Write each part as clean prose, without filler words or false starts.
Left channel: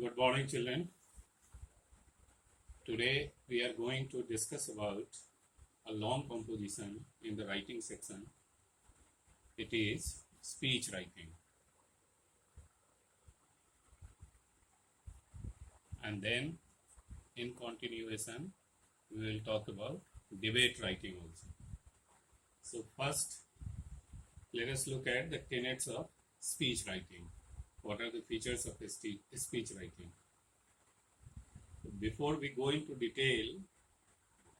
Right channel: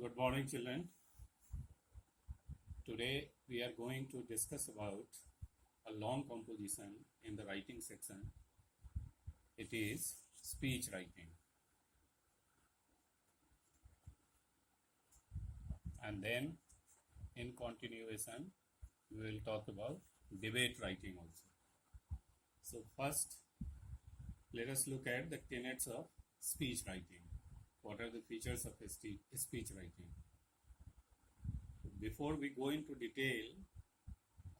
Good morning, children. Today we are going to discuss about a long composition in the writing section. It is speech writing. And then in continuation, we will talk about debate writing also. So first, let us look at the tenets of speech writing. What are the features of speech writing? Before we go into detail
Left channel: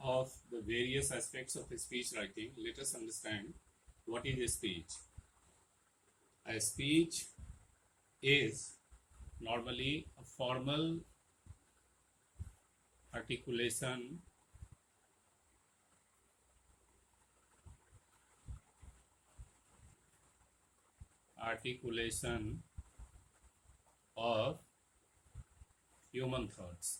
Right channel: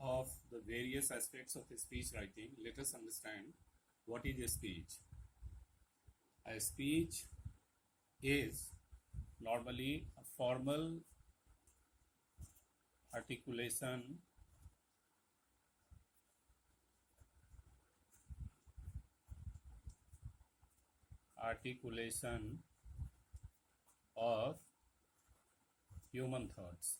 of the various aspects of speech writing, let us understand what is a speech. A speech is normally a formal articulation of human thoughts.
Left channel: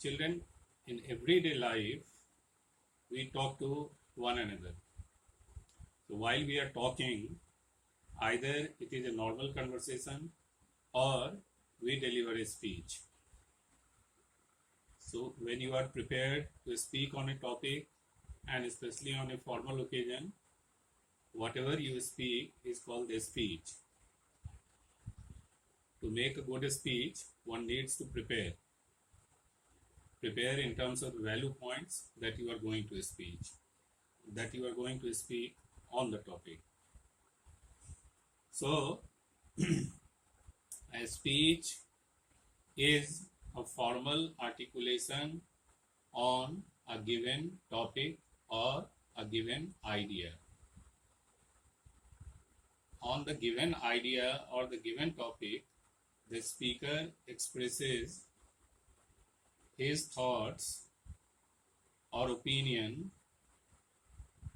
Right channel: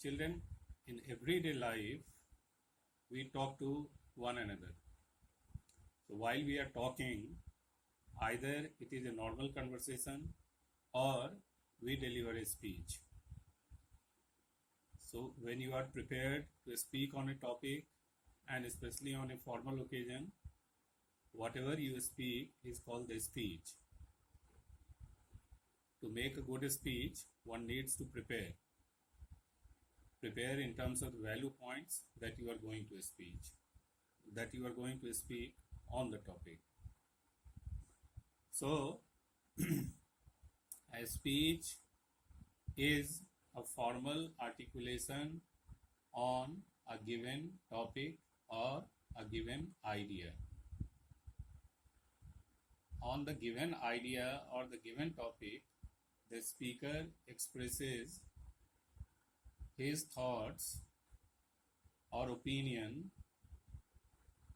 Children, in everyday life, we talk to one another. So while we are talking, either it is a normal conversation or we deliver a speech. So when you are prepared to speak on a topic, and especially on a formal occasion, whatever you speak is called a speech. To make a good speech, one needs to prepare. Prepare in terms of the value points that you are going to speak on the topic. So, a speech is a formal articulation on a given topic or a given idea. On the given idea or the given topic, the speaker expresses his thoughts or opinion.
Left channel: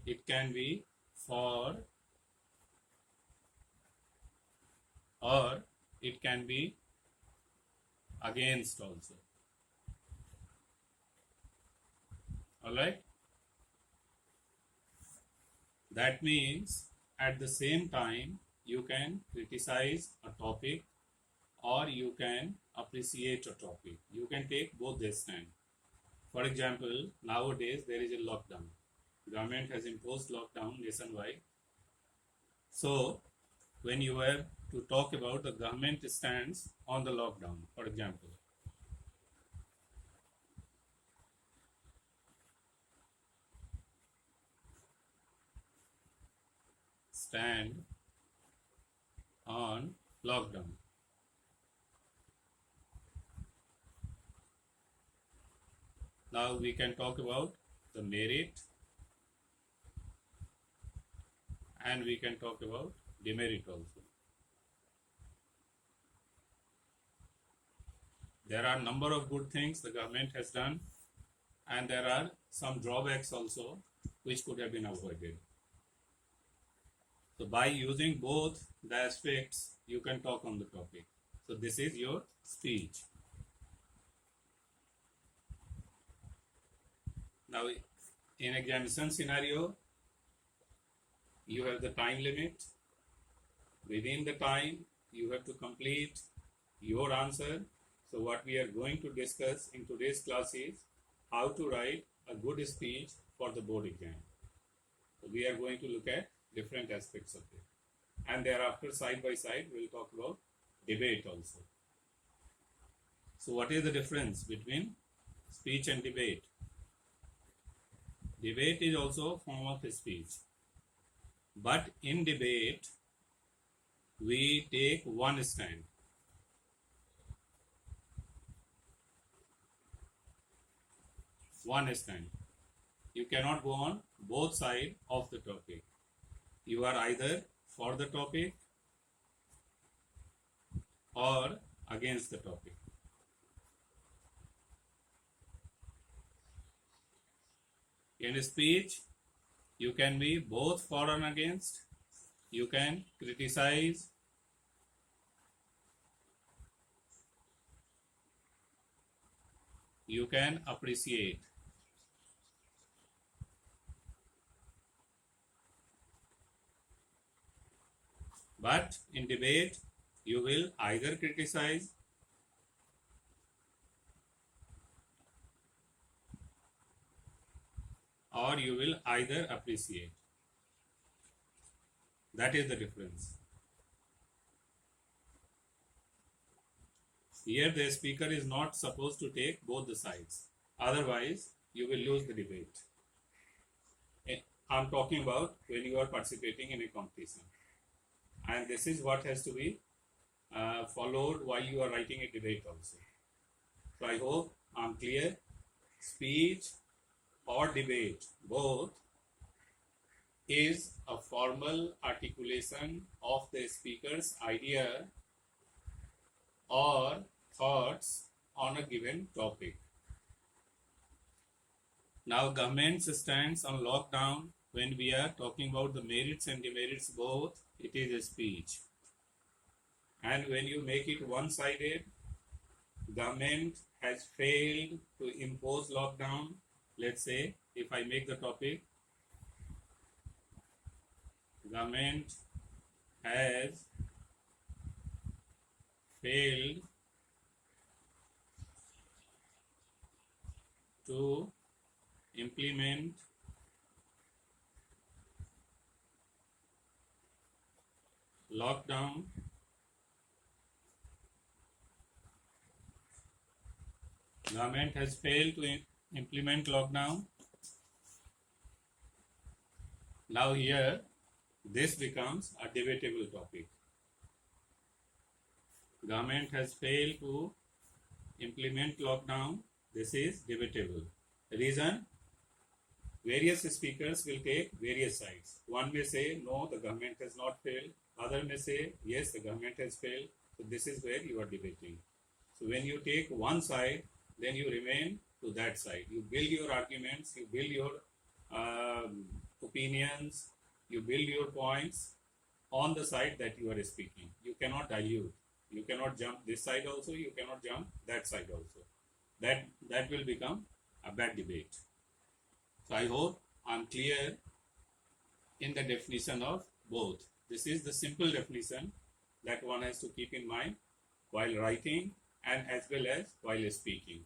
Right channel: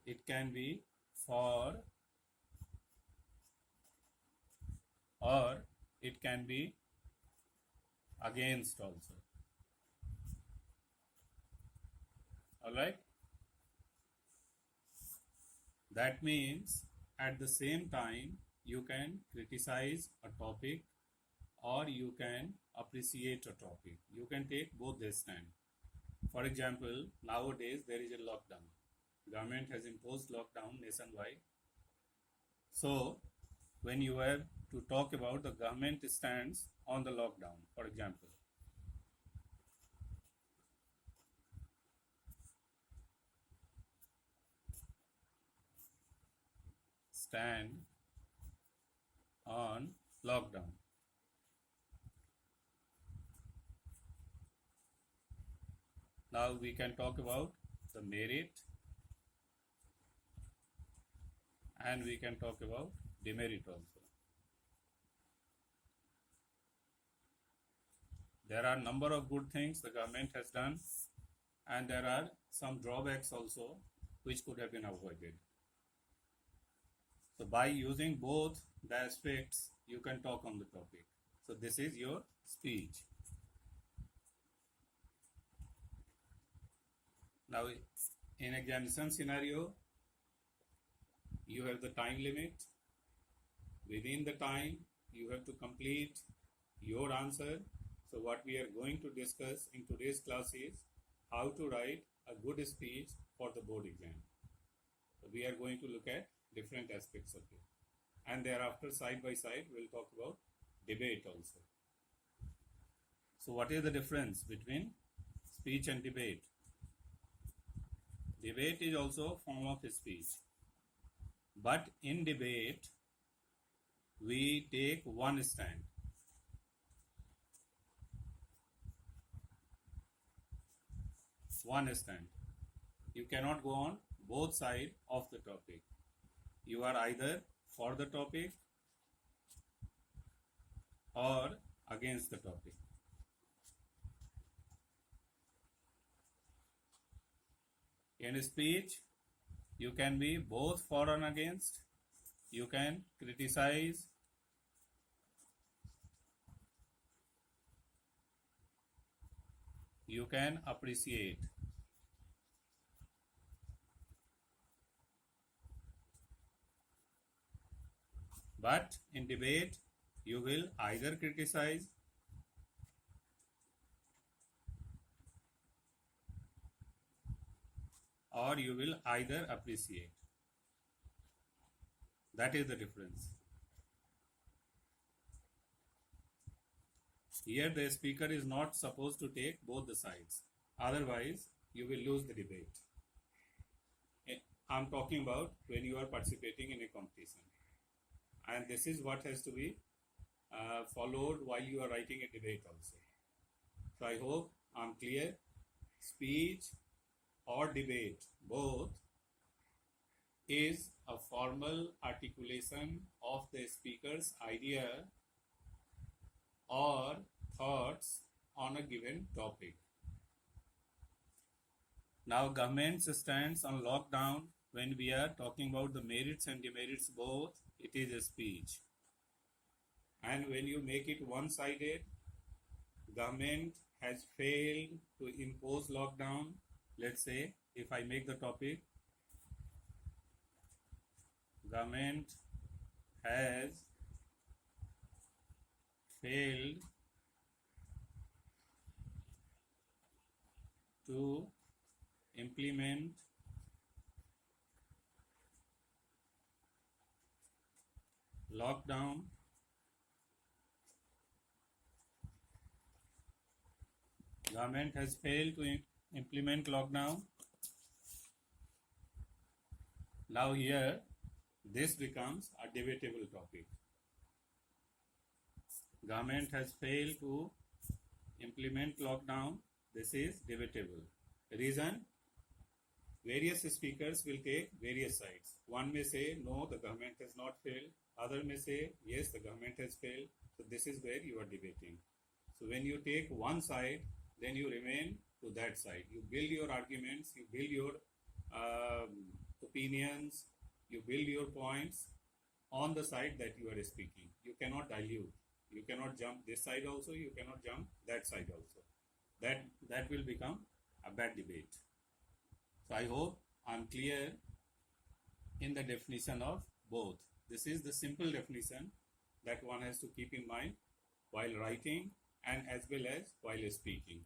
It can be for or it can be against also. Alright? That means at the same time you can criticize a topic or you can appreciate a topic. You can take both this stand. For example, nowadays there is a lockdown. Government has imposed lockdown nationwide. So, when you were to talk about the government stance on the lockdown, for example, stand on lockdown. Now we can talk about the merit and we can talk about demerit also. There are a number of good things the government has done and there are some drawbacks also which could have been avoided. So by using both the aspects, you can talk on the topic. So this is your speech. Now, in examination scenario, you have the time limit. Within the time, you have to complete your answer. So what we are going to discuss in today's class is how to write a good speech for the board exam. So we are going to look at different aspects of it. And thereafter, side by side, we'll talk about debate also. So what is the difference between speech and debate? Debate is also a form of speech. But in debate, we take one stand. One stand. You cannot go on both sides of the topic. You are either for the topic or against the topic. In speech, you can be both for and against. You can criticize. You can appreciate. But in debate, You will either criticize or you will either appreciate. That is the difference. Here the speaker is not supposed to take both the sides. Otherwise, you will lose the debate. I'm talking about when you are participating in a competition. And this is what has to be followed while you are writing a debate also. So I hope I'm clear. Speech or debate, both, is a formal articulation of the speaker's idea or thoughts on a given topic. Now, government stands on lockdown. When we are talking about the merits and demerits both, it is a speech. And when you make it one-sided, government has failed to impose lockdown. Let's say, if I make the topic, government has failed to implement lockdown government has failed to implement lockdown. Now here this becomes a debatable topic. Government has failed to implement lockdown. This is debatable. Reason: various speakers will take various sides. One may say, no, the government has not failed. Other may say, yes, the government has failed. So this is where you are debating. So when you take one side, then you remain to that side. You build your arguments, you build your opinions, you build your points on the side that you are speaking. You cannot dilute. You cannot jump this side also, you cannot jump that side also. That will become a bad debate. So I hope I'm clear in the definition of both. This is the simple definition that one has to keep in mind while writing and as well as while speaking.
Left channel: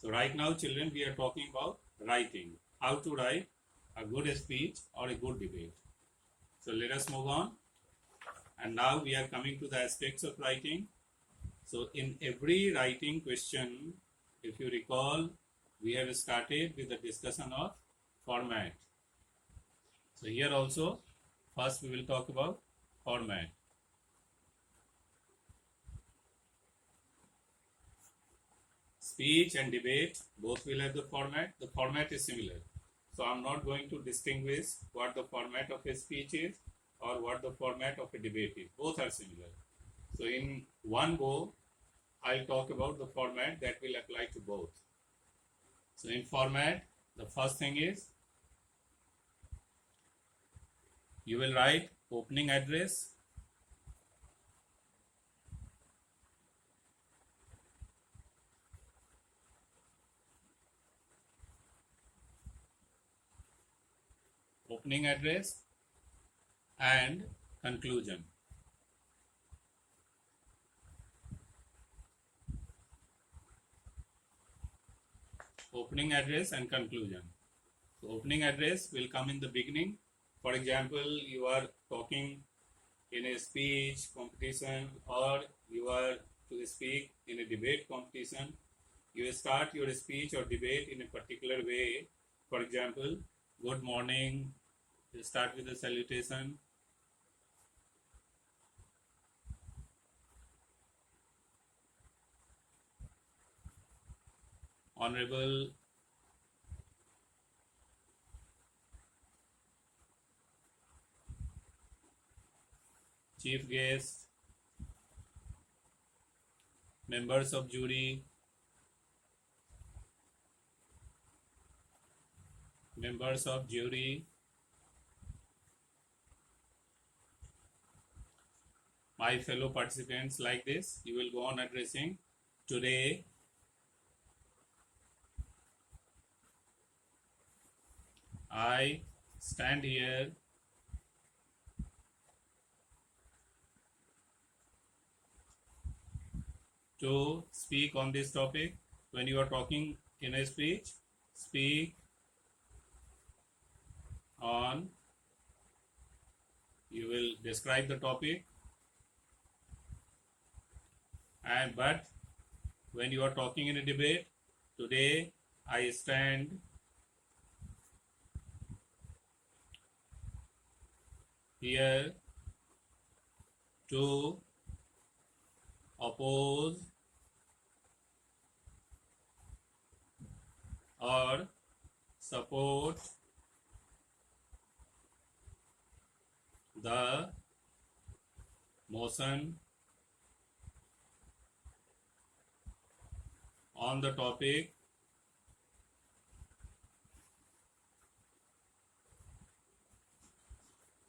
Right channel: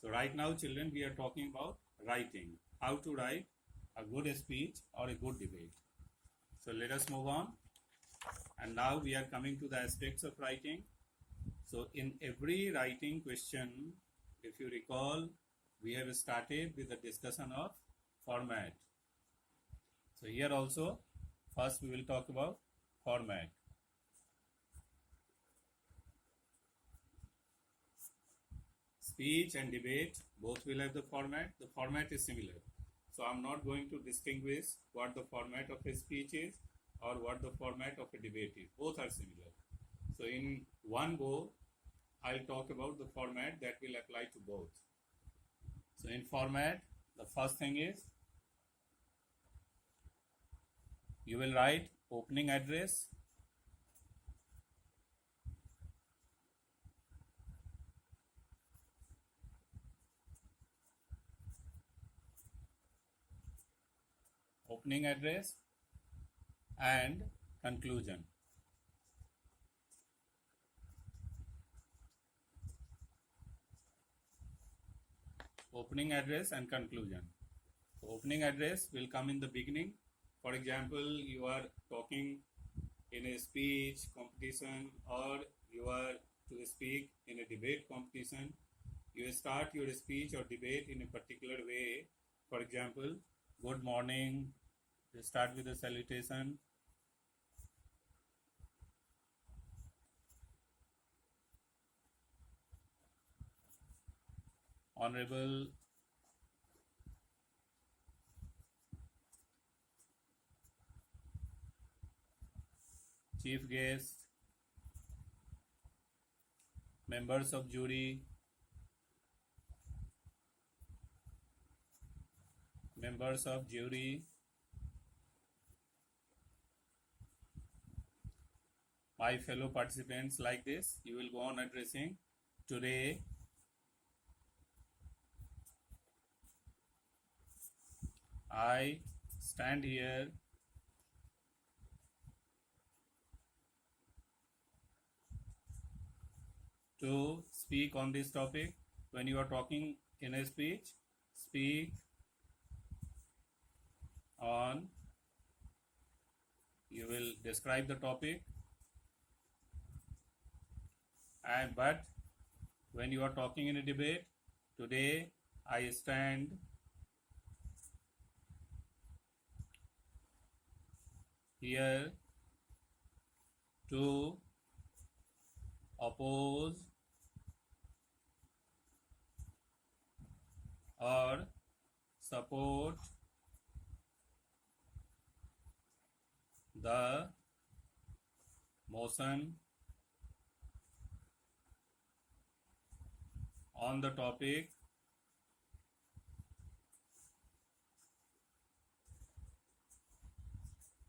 So right now, children, we are talking about writing. How to write a good speech or a good debate. So let us move on. And now we are coming to the aspects of writing. So in every writing question, if you recall, we have started with the discussion of format. So here also, first we will talk about format. Speech and debate both will have the format. The format is similar. So I'm not going to distinguish what the format of a speech is or what the format of a debate is. Both are similar. So in one go, I'll talk about the format that will apply to both. So in format, the first thing is you will write opening address, and conclusion. Opening address and conclusion. So opening address will come in the beginning. For example, you are talking in a speech competition or you are to speak in a debate competition. You start your speech or debate in a particular way. For example, good morning. You start with a salutation. Honorable chief guest, members of jury, my fellow participants, like this. You will go on addressing. Today, I stand here to speak on this topic. When you are talking in a speech, speak on, you will describe the topic, and but when you are talking in a debate, today I stand here to oppose or support the motion on the topic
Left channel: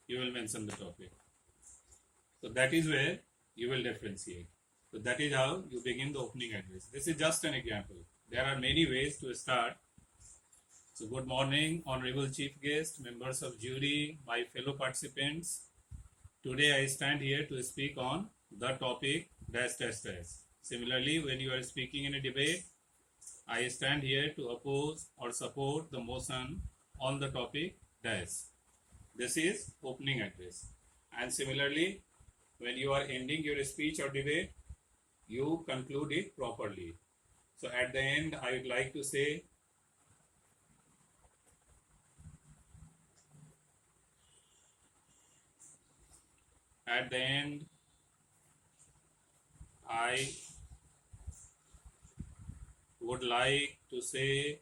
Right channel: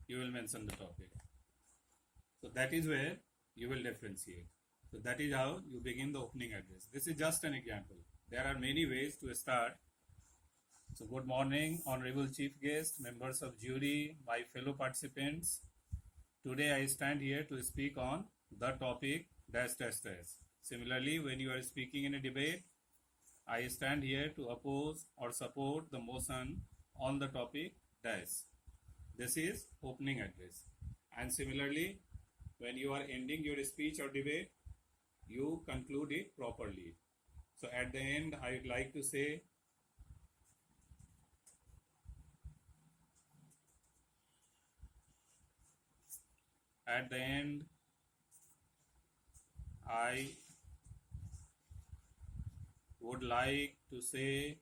you will mention the topic. So that is where you will differentiate. So that is how you begin the opening address. This is just an example. There are many ways to start. So good morning, honorable chief guest, members of jury, my fellow participants. Today I stand here to speak on the topic dash dash dash. Similarly, when you are speaking in a debate, I stand here to oppose or support the motion on the topic dash. This is opening address. And similarly, when you are ending your speech or debate, you conclude it properly. So at the end, I would like to say, at the end, I would like to say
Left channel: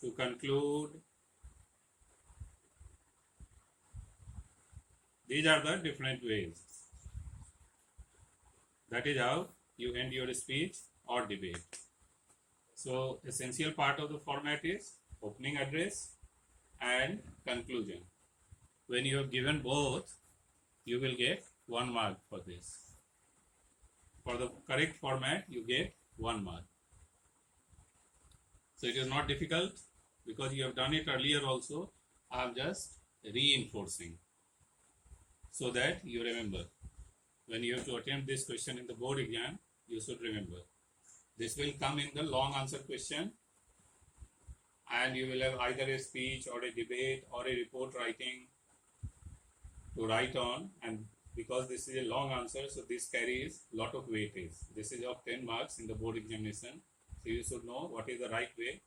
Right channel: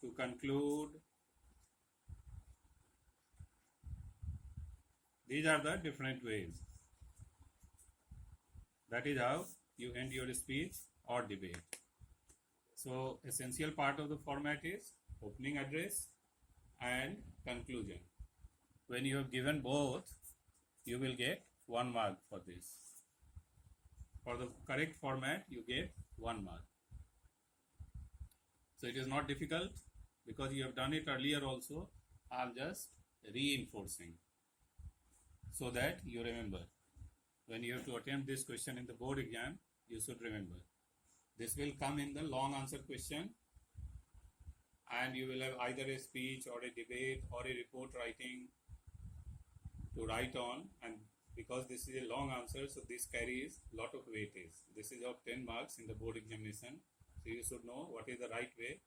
to conclude, these are the different ways. That is how you end your speech or debate. So essential part of the format is opening address and conclusion. When you have given both, you will get 1 mark for this. For the correct format, you get 1 mark. So it is not difficult because you have done it earlier also. I am just reinforcing so that you remember. When you have to attempt this question in the board exam, you should remember. This will come in the long answer question, and you will have either a speech or a debate or a report writing to write on, and because this is a long answer, so this carries lot of weightage. This is of 10 marks in the board examination. So you should know what is the right way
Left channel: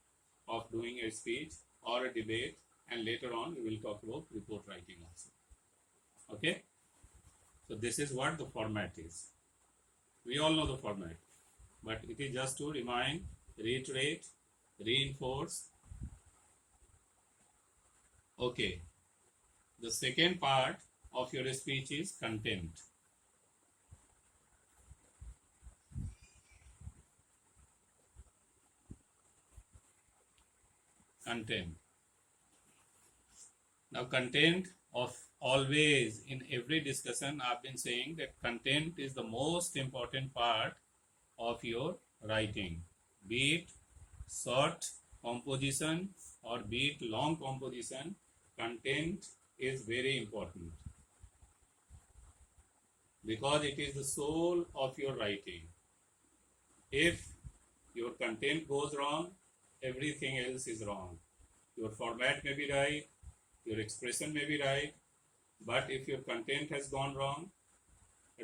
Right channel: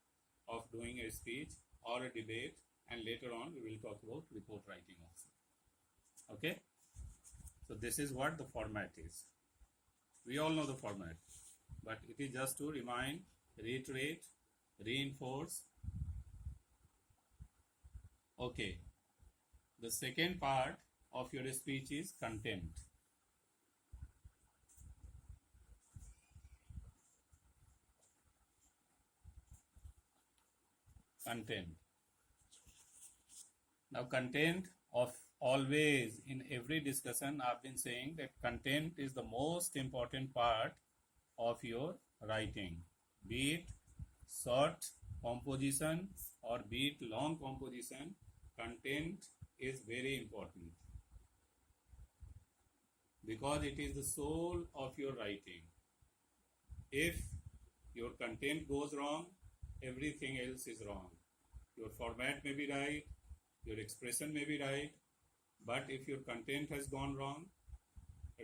of doing a speech or a debate, and later on we will talk about report writing also. Okay? So this is what the format is. We all know the format, but it is just to remind, reiterate, reinforce. Okay. The second part of your speech is content. Content. Now content of always in every discussion I've been saying that content is the most important part of your writing. Be it short composition or be it long composition, content is very important because it is the soul of your writing. If your content goes wrong, everything else is wrong. Your format may be right, your expression may be right, but if your content has gone wrong,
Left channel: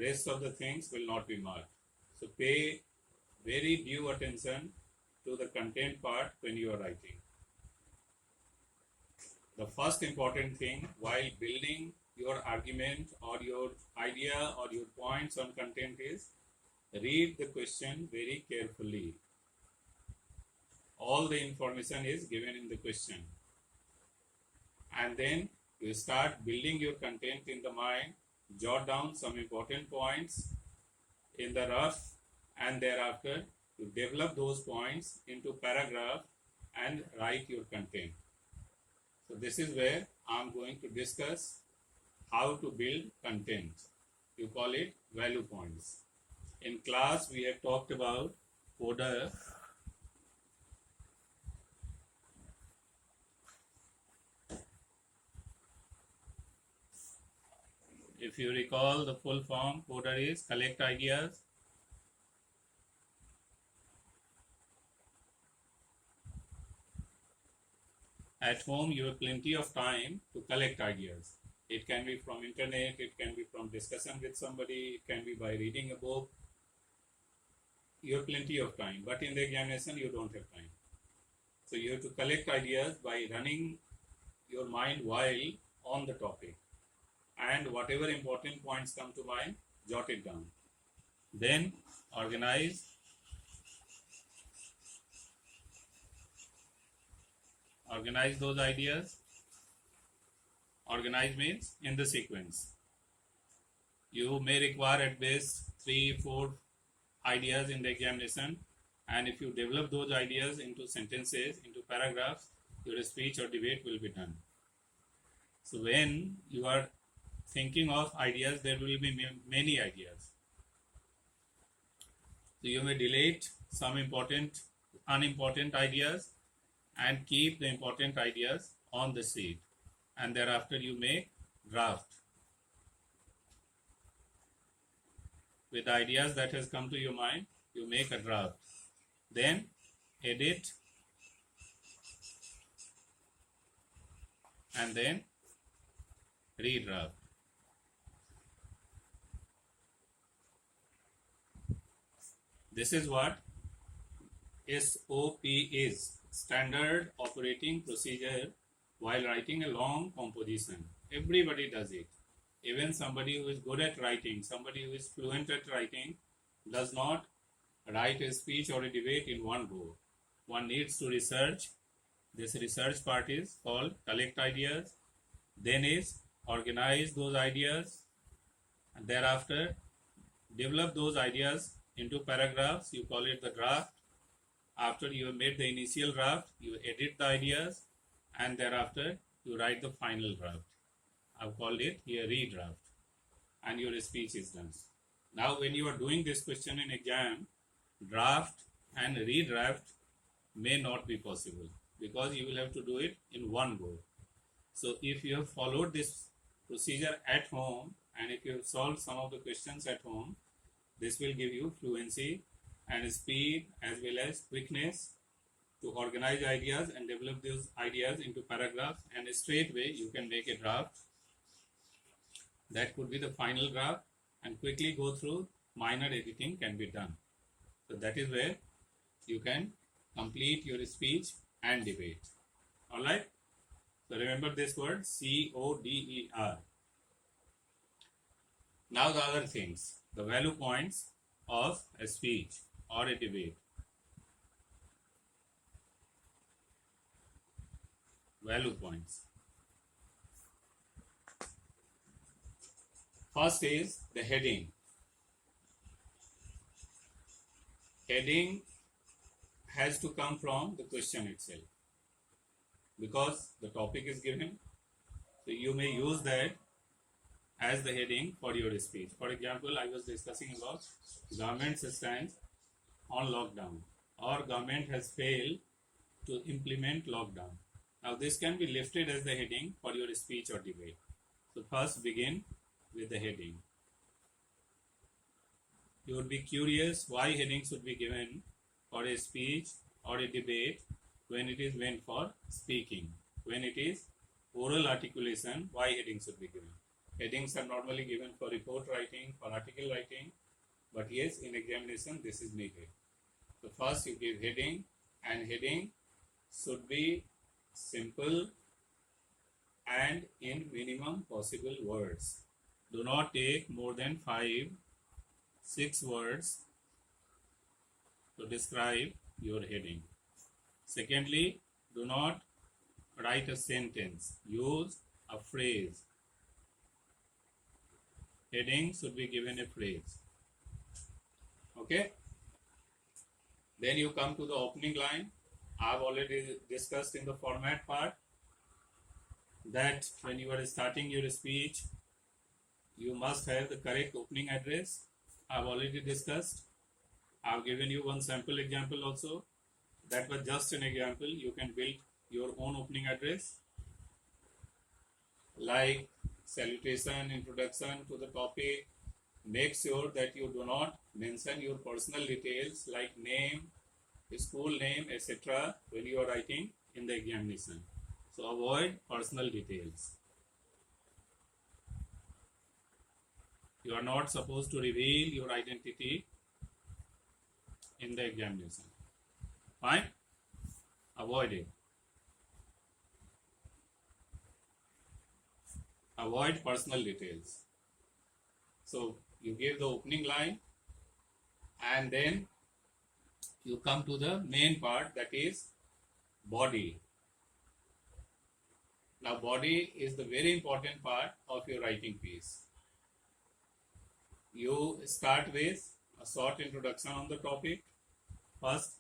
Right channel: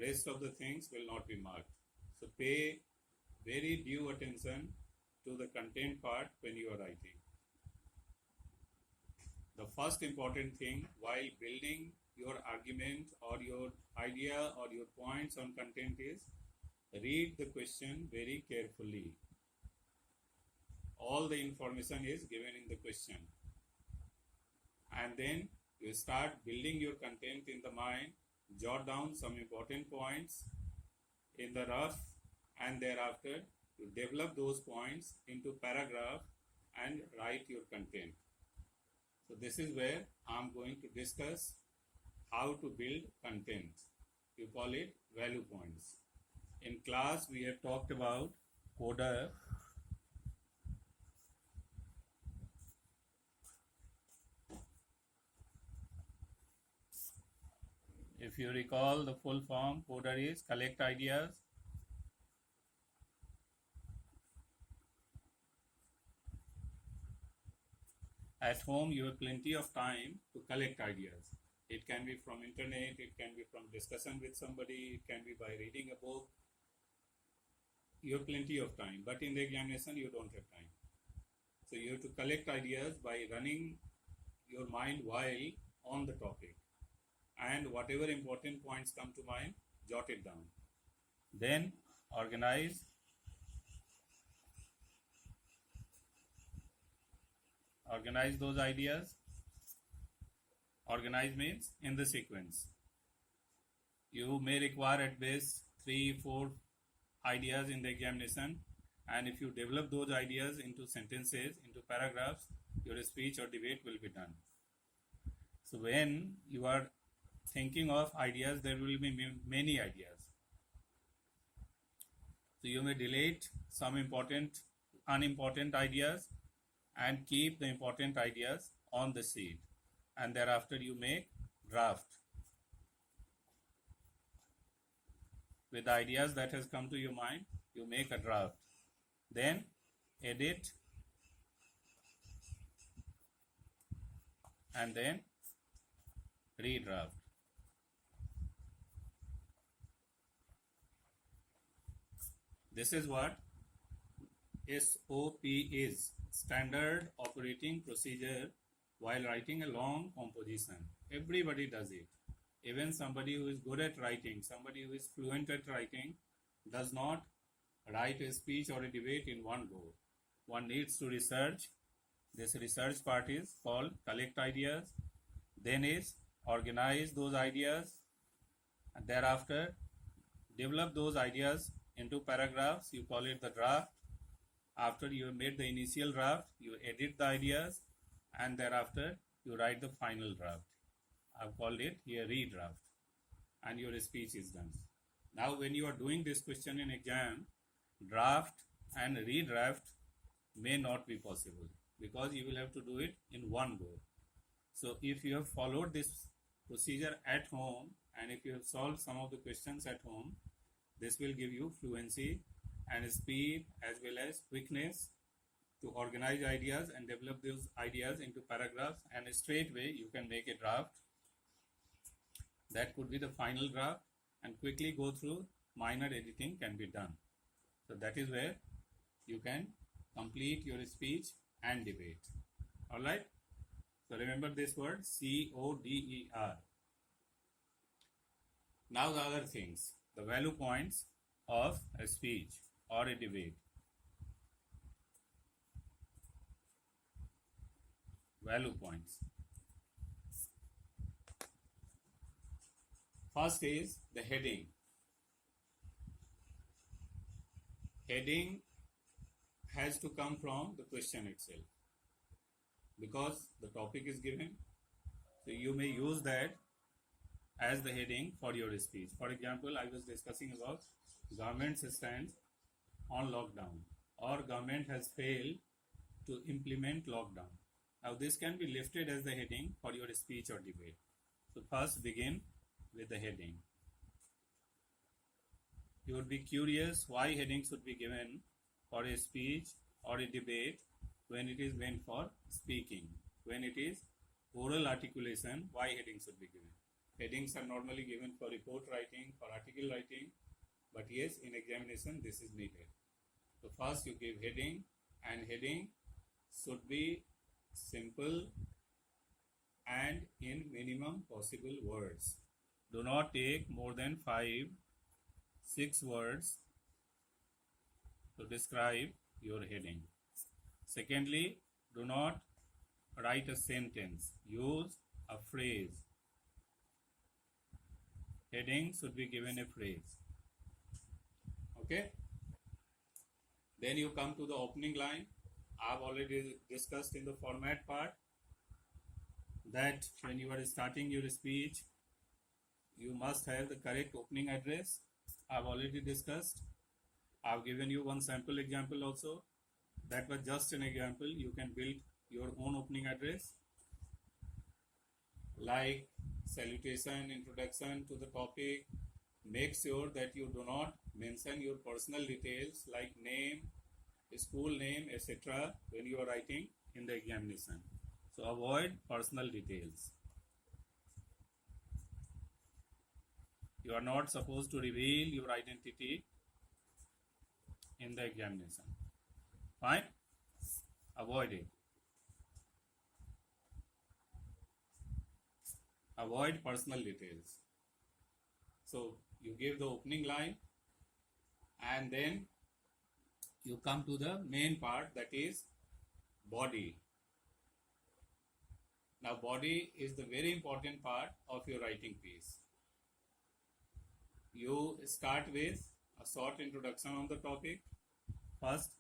rest of the things will not be marked. So pay very due attention to the content part when you are writing. The first important thing while building your argument or your idea or your points on content is read the question very carefully. All the information is given in the question. And then you start building your content in the mind, jot down some important points in the rough, and thereafter you develop those points into paragraph and write your content. So this is where I am going to discuss how to build content. You call it value points. In class we have talked about coda. If you recall, the full form, coder is collect ideas. At home, you have plenty of time to collect ideas. It can be from internet, it can be from discussion with somebody, it can be by reading a book. You have plenty of time, but in the examination, you don't have time. So you have to collect ideas by running your mind while on the topic. And whatever important points come to mind, jot it down. Then organize. Organize those ideas. Organize means in the sequence. You may require at best 3-4 ideas in the examination, and if you develop those ideas into sentences, into paragraphs, your speech or debate will be done. So when you are thinking of ideas, there will be many ideas. So you may delete some unimportant ideas and keep the important ideas on the sheet, and thereafter you make draft with the ideas that has come to your mind. You make a draft, then edit, and then redraft. This is what SOP is, standard operating procedure while writing a long composition. Everybody does it. Even somebody who is good at writing, somebody who is fluent at writing, does not write a speech or a debate in one go. One needs to research. This research part is called collect ideas. Then is organize those ideas, and thereafter develop those ideas into paragraphs. You call it the draft. After you have made the initial draft, you edit the ideas, and thereafter you write the final draft. I've called it here redraft, and your speech is done. Now when you are doing this question in exam, draft and redraft may not be possible because you will have to do it in one go. So if you have followed this procedure at home, and if you have solved some of the questions at home, this will give you fluency and speed as well as quickness to organize ideas and develop those ideas into paragraphs, and straight away you can make a draft. That could be the final draft, and quickly go through minor editing can be done. So that is where you can complete your speech and debate. Alright? So remember this word CODER. Now the other things, the value points of a speech or a debate. Value points. First is the heading. Heading has to come from the question itself because the topic is given. So you may use that as the heading for your speech. For example, I was discussing about government's stance on lockdown, or government has failed to implement lockdown. Now this can be lifted as the heading for your speech or debate. So first begin with the heading. You would be curious why heading should be given for a speech or a debate when it is meant for speaking. When it is oral articulation, why heading should be given? Headings are normally given for report writing, for article writing, but yes, in examination this is needed. So first you give heading, and heading should be simple and in minimum possible words. Do not take more than 5-6 words to describe your heading. Secondly, do not write a sentence. Use a phrase. Heading should be given a phrase. Okay? Then you come to the opening line. I've already discussed in the format part that when you are starting your speech, you must have the correct opening address. I've already discussed. I've given you one sample example also. That was just an example. You can build your own opening address. Like salutation, introduction to the topic. Make sure that you do not mention your personal details like name, school name, etc. when you are writing in the examination. So avoid personal details. You are not supposed to reveal your identity in the examination. Fine? Avoid it. Avoid personal details. So you give the opening line and then you come to the main part, that is body. Now body is the very important part of your writing piece. You start with a short introduction on the topic. First,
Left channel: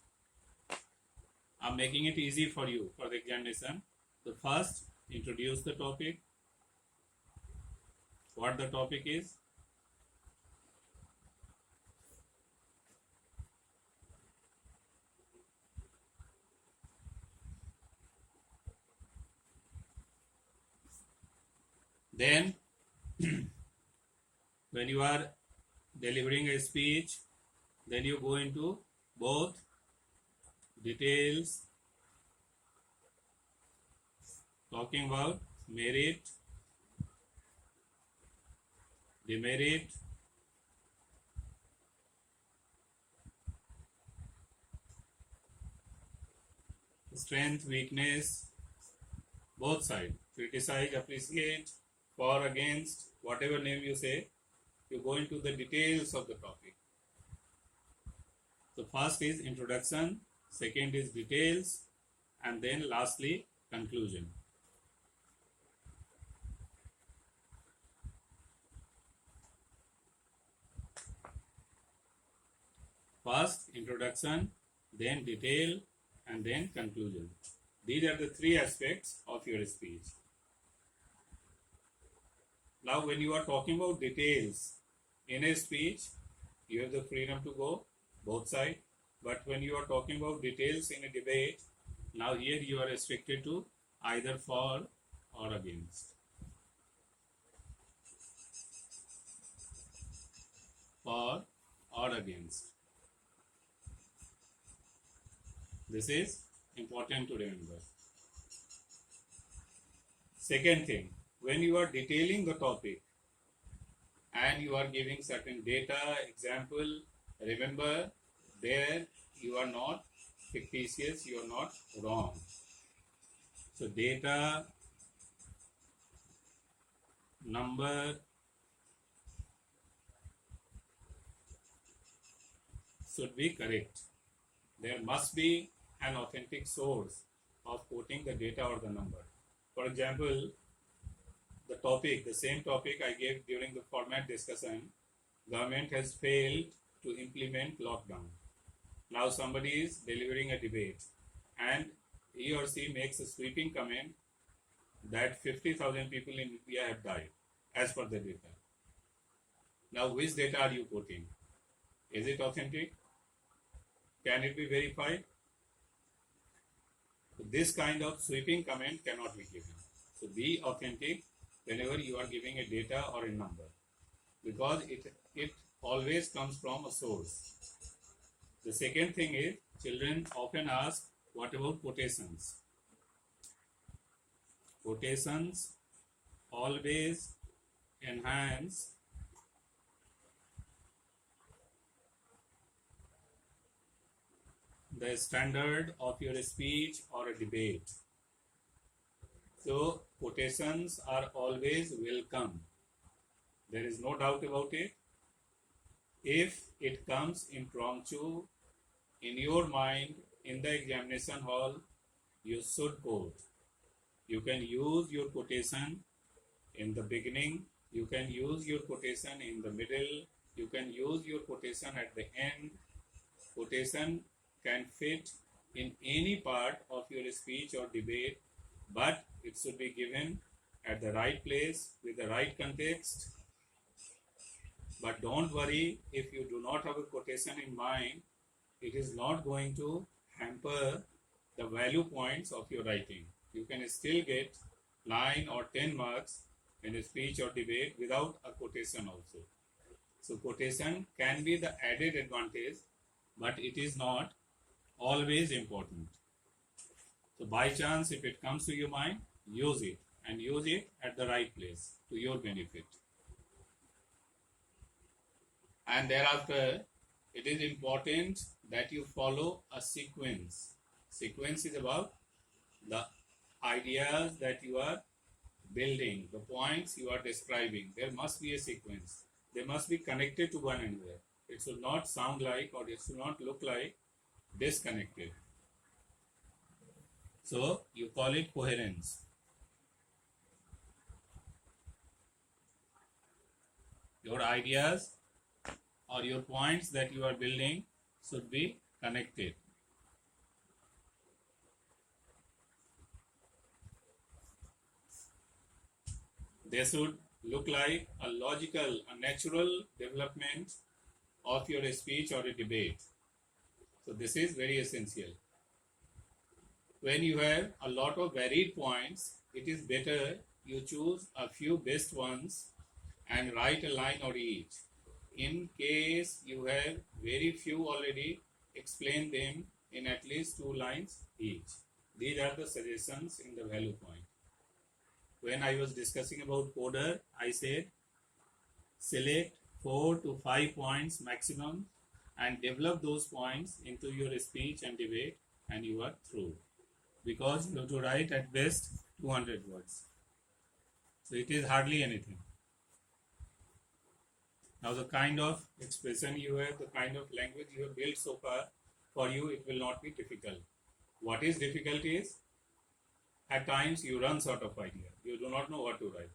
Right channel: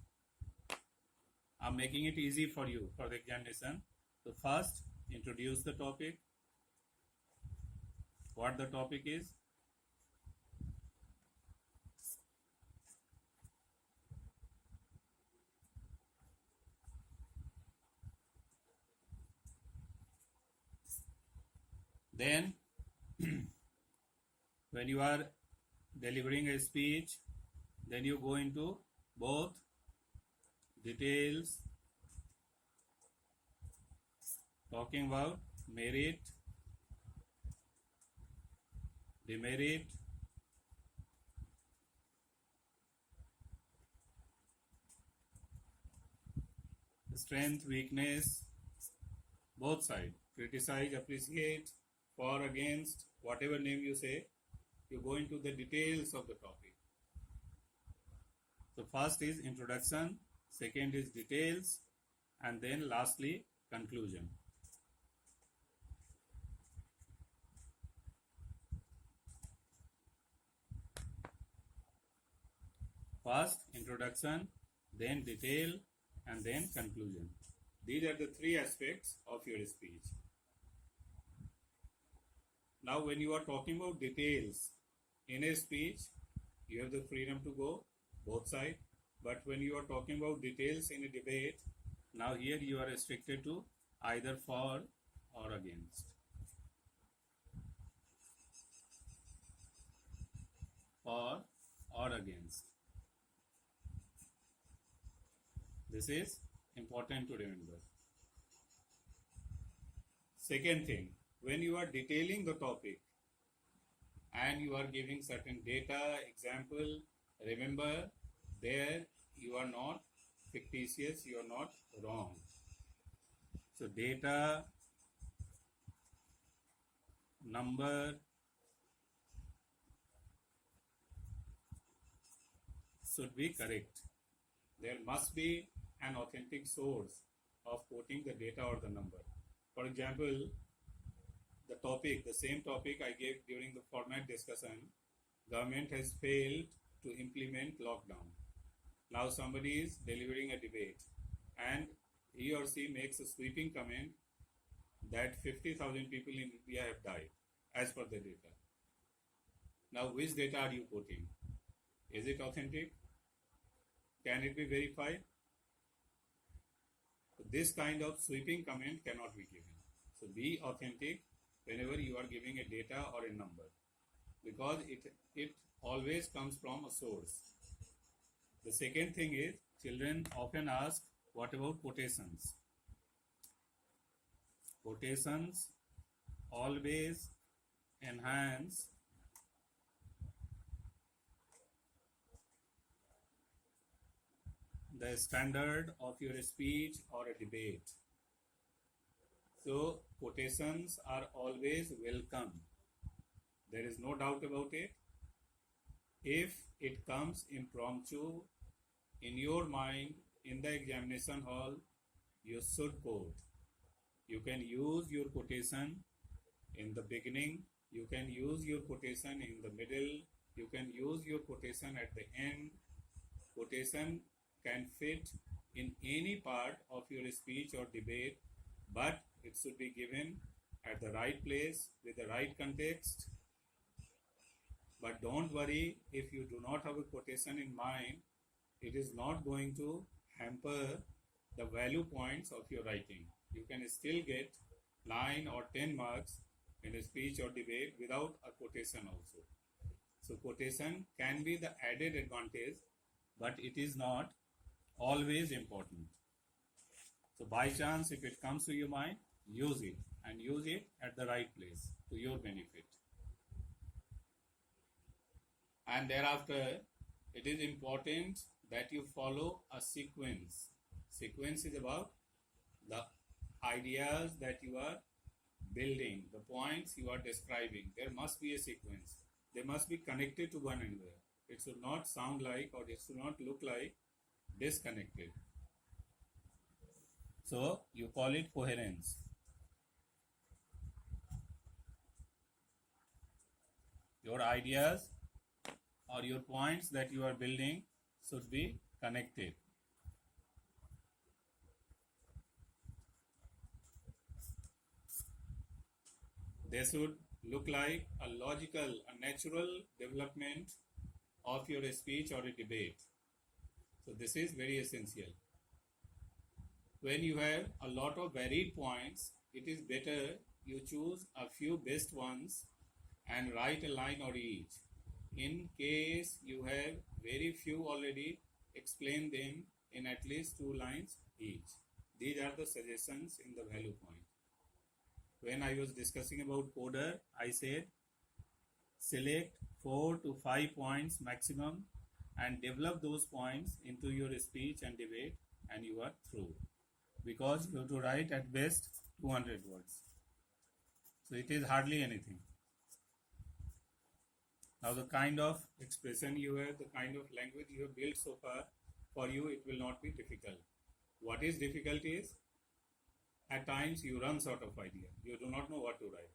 I'm making it easy for you for the examination. The first, introduce the topic, what the topic is. Then, when you are delivering a speech, then you go into both details, talking about merit, demerit, strength, weakness, both sides. Criticize, appreciate, for, against, whatever name you say, you go into the details of the topic. So first is introduction, second is details, and then lastly conclusion. First introduction, then detail, and then conclusion. These are the three aspects of your speech. Now when you are talking about details in a speech, you have the freedom to go both sides. But when you are talking about details in a debate, now here you are restricted to either for or against. For or against. This is important to remember. Second thing, when you are detailing the topic and you are giving certain data, example, remember there you are not fictitious, you are not wrong. So data, number should be correct. There must be an authentic source of quoting the data or the number. For example, the topic, the same topic I gave during the format discussion, government has failed to implement lockdown. Now somebody is delivering a debate and he or she makes a sweeping comment that 50,000 people in India have died as per the data. Now which data are you quoting? Is it authentic? Can it be verified? So this kind of sweeping comment cannot be given. So be authentic whenever you are giving a data or a number, because it always comes from a source. The second thing is, children often ask, what about quotations? Quotations always enhance the standard of your speech or a debate. So quotations are always welcome. There is no doubt about it. If it comes impromptu in your mind in the examination hall, you should quote. You can use your quotation in the beginning, you can use your quotation in the middle, you can use your quotation at the end. Quotation can fit in any part of your speech or debate, but it should be given at the right place with the right context. But don't worry, if you do not have a quotation in mind, it is not going to hamper the value points of your writing. You can still get 9 or 10 marks in a speech or debate without a quotation also. So quotation can be the added advantage, but it is not always important. So by chance, if it comes to your mind, use it, and use it at the right place to your benefit. And thereafter, it is important that you follow a sequence. Sequence is about the ideas that you are building, the points you are describing. There must be a sequence. They must be connected to one another. It should not sound like, or it should not look like disconnected. So you call it coherence. Your ideas or your points that you are building should be connected. They should look like a logical, a natural development of your speech or a debate. So this is very essential. When you have a lot of varied points, it is better you choose a few best ones and write a line or each. In case you have very few already, explain them in at least 2 lines each. These are the suggestions in the value point. When I was discussing about coder, I said select 4 to 5 points maximum and develop those points into your speech and debate, and you are through. Because you have to write at best 200 words. So it is hardly anything. Now the kind of expression you have, the kind of language you have built so far, for you it will not be difficult. What is difficult is, at times you run short of idea. You do not know what to write.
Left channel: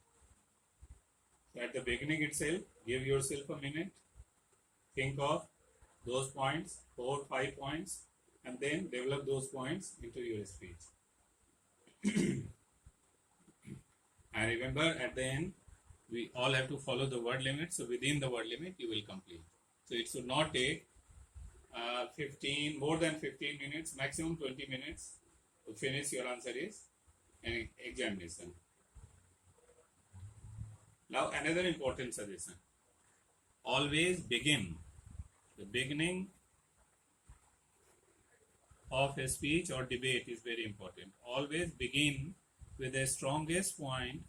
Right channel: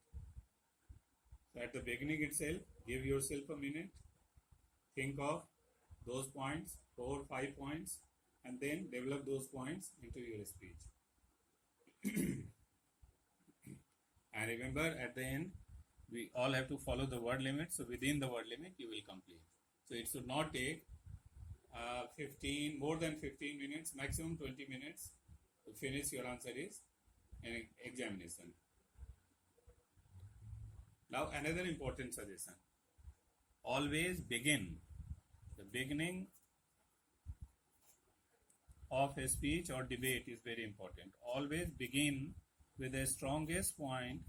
So at the beginning itself, give yourself a minute, think of those points, 4 or 5 points, and then develop those points into your speech. And remember, at the end, we all have to follow the word limit. So within the word limit, you will complete. So it should not take more than 15 minutes, maximum 20 minutes to finish your answer is an examination. Now another important suggestion. Always begin. The beginning of a speech or debate is very important. Always begin with the strongest point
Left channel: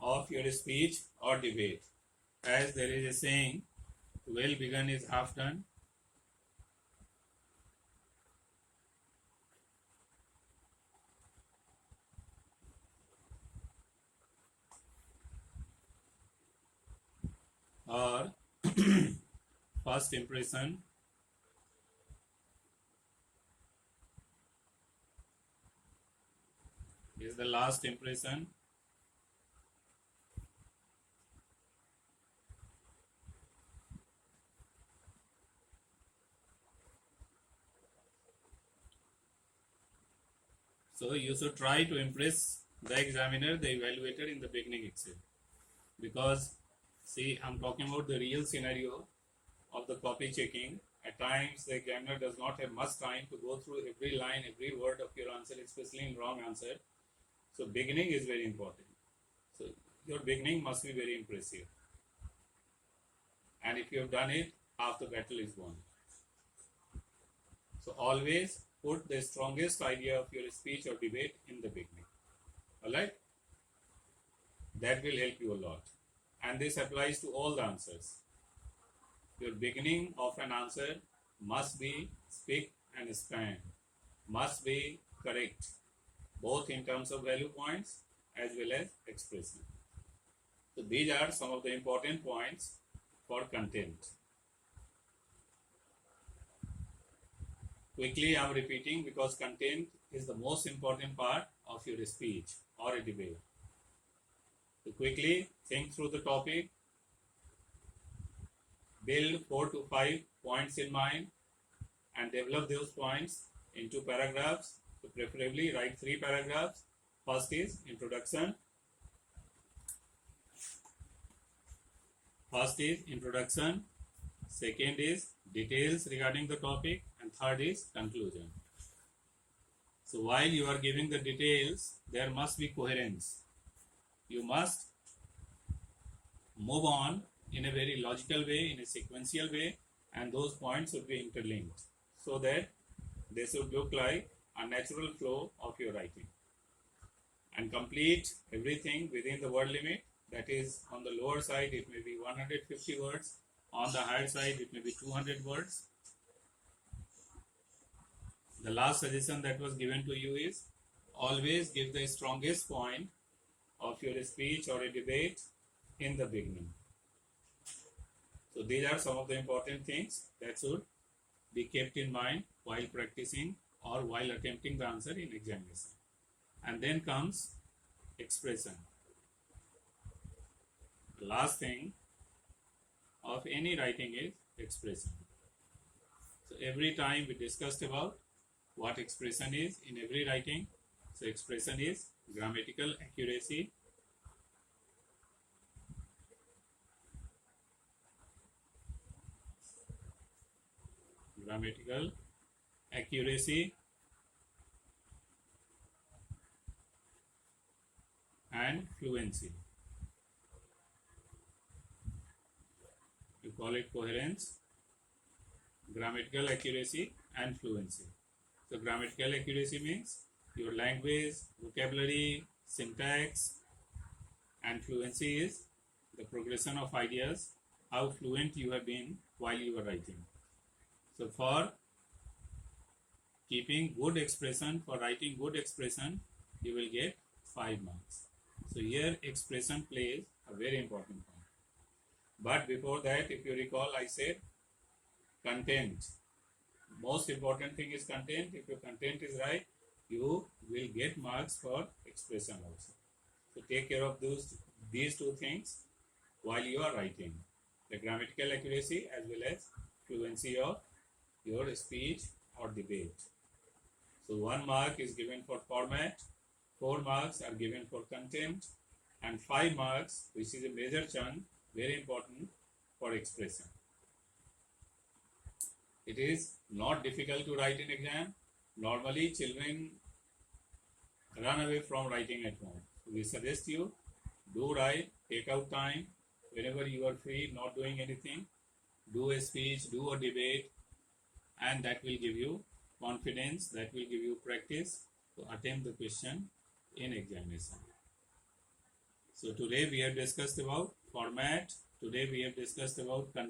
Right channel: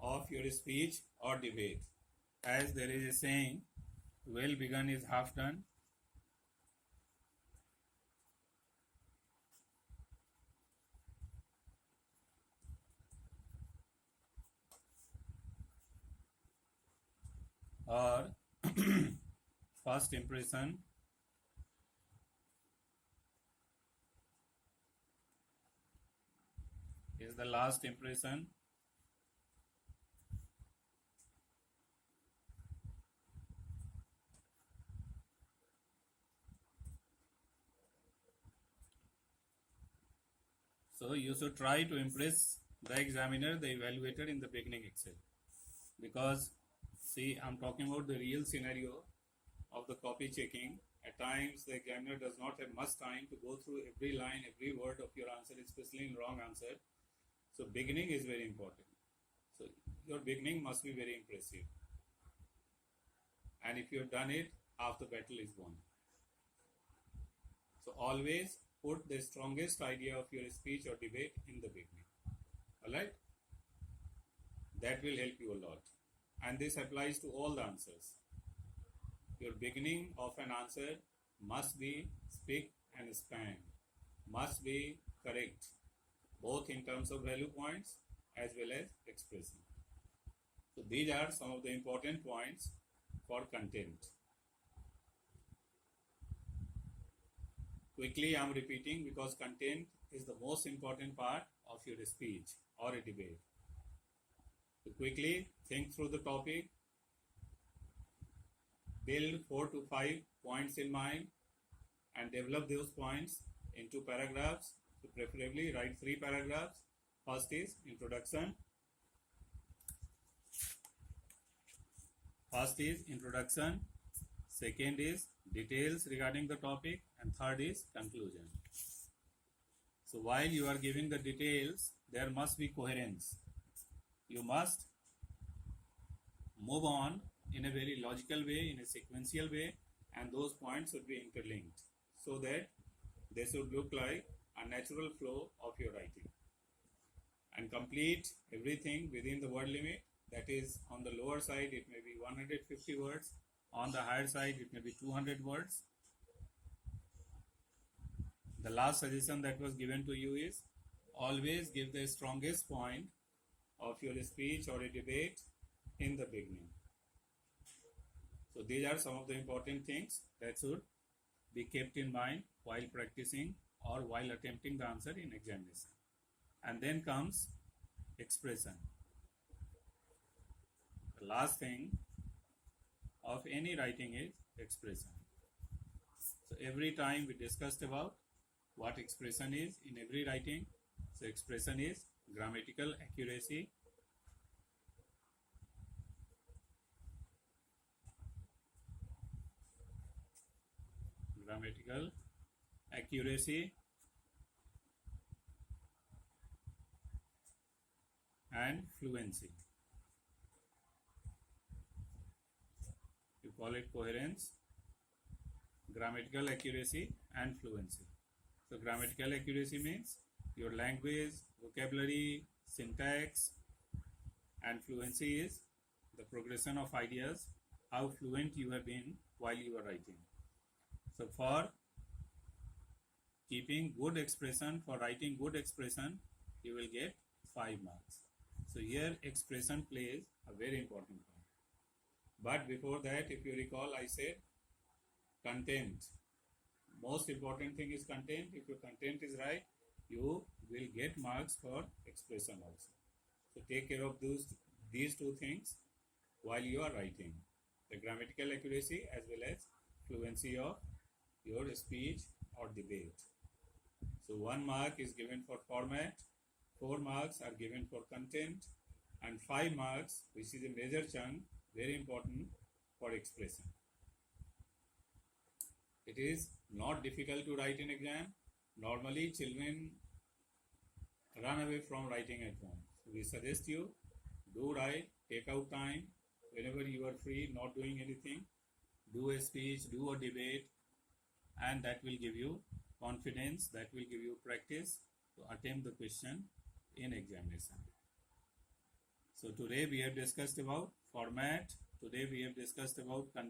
of your speech or debate. As there is a saying, well begun is half done. Or first impression is the last impression. So you should try to impress the examiner, the evaluator in the beginning itself. Because see, I'm talking about the real scenario of the copy checking. At times, the examiner does not have much time to go through every line, every word of your answer, especially in wrong answer. So beginning is very important. So your beginning must be very impressive. And if you have done it, half the battle is won. So always put the strongest idea of your speech or debate in the beginning. Alright? That will help you a lot. And this applies to all the answers. Your beginning of an answer must be spick and span, must be correct, both in terms of value points as well as expression. So these are some of the important points for content. Quickly I am repeating because content is the most important part of your speech or a debate. So quickly think through the topic, build 4 to 5 points in mind and develop those points into paragraphs. So preferably write 3 paragraphs. First is introduction. second is details regarding the topic, and third is conclusion. So while you are giving the details, there must be coherence. You must move on in a very logical way, in a sequential way, and those points should be interlinked so that they should look like a natural flow of your writing. And complete everything within the word limit. That is, on the lower side it may be 150 words, on the higher side it may be 200 words. The last suggestion that was given to you is always give the strongest point of your speech or a debate in the beginning. So these are some of the important things that should be kept in mind while practicing or while attempting the answer in examination. And then comes expression. The last thing of any writing is expression. So every time we discussed about what expression is in every writing. So expression is grammatical accuracy, and fluency. You call it coherence, grammatical accuracy, and fluency. So grammatical accuracy means your language, vocabulary, syntax, and fluency is the progression of ideas, how fluent you have been while you are writing. So for keeping good expression, for writing good expression, you will get 5 marks. So here expression plays a very important part. But before that, if you recall, I said content. Most important thing is content. If your content is right, you will get marks for expression also. So take care of these two things while you are writing. The grammatical accuracy as well as fluency of your speech or debate. So 1 mark is given for format, 4 marks are given for content, and 5 marks, which is a major chunk, very important, for expression. It is not difficult to write in exam. Normally children run away from writing at home. We suggest you do write, take out time whenever you are free, not doing anything. Do a speech, do a debate, and that will give you confidence, that will give you practice to attempt the question in examination. So today we have discussed about format, today we have discussed about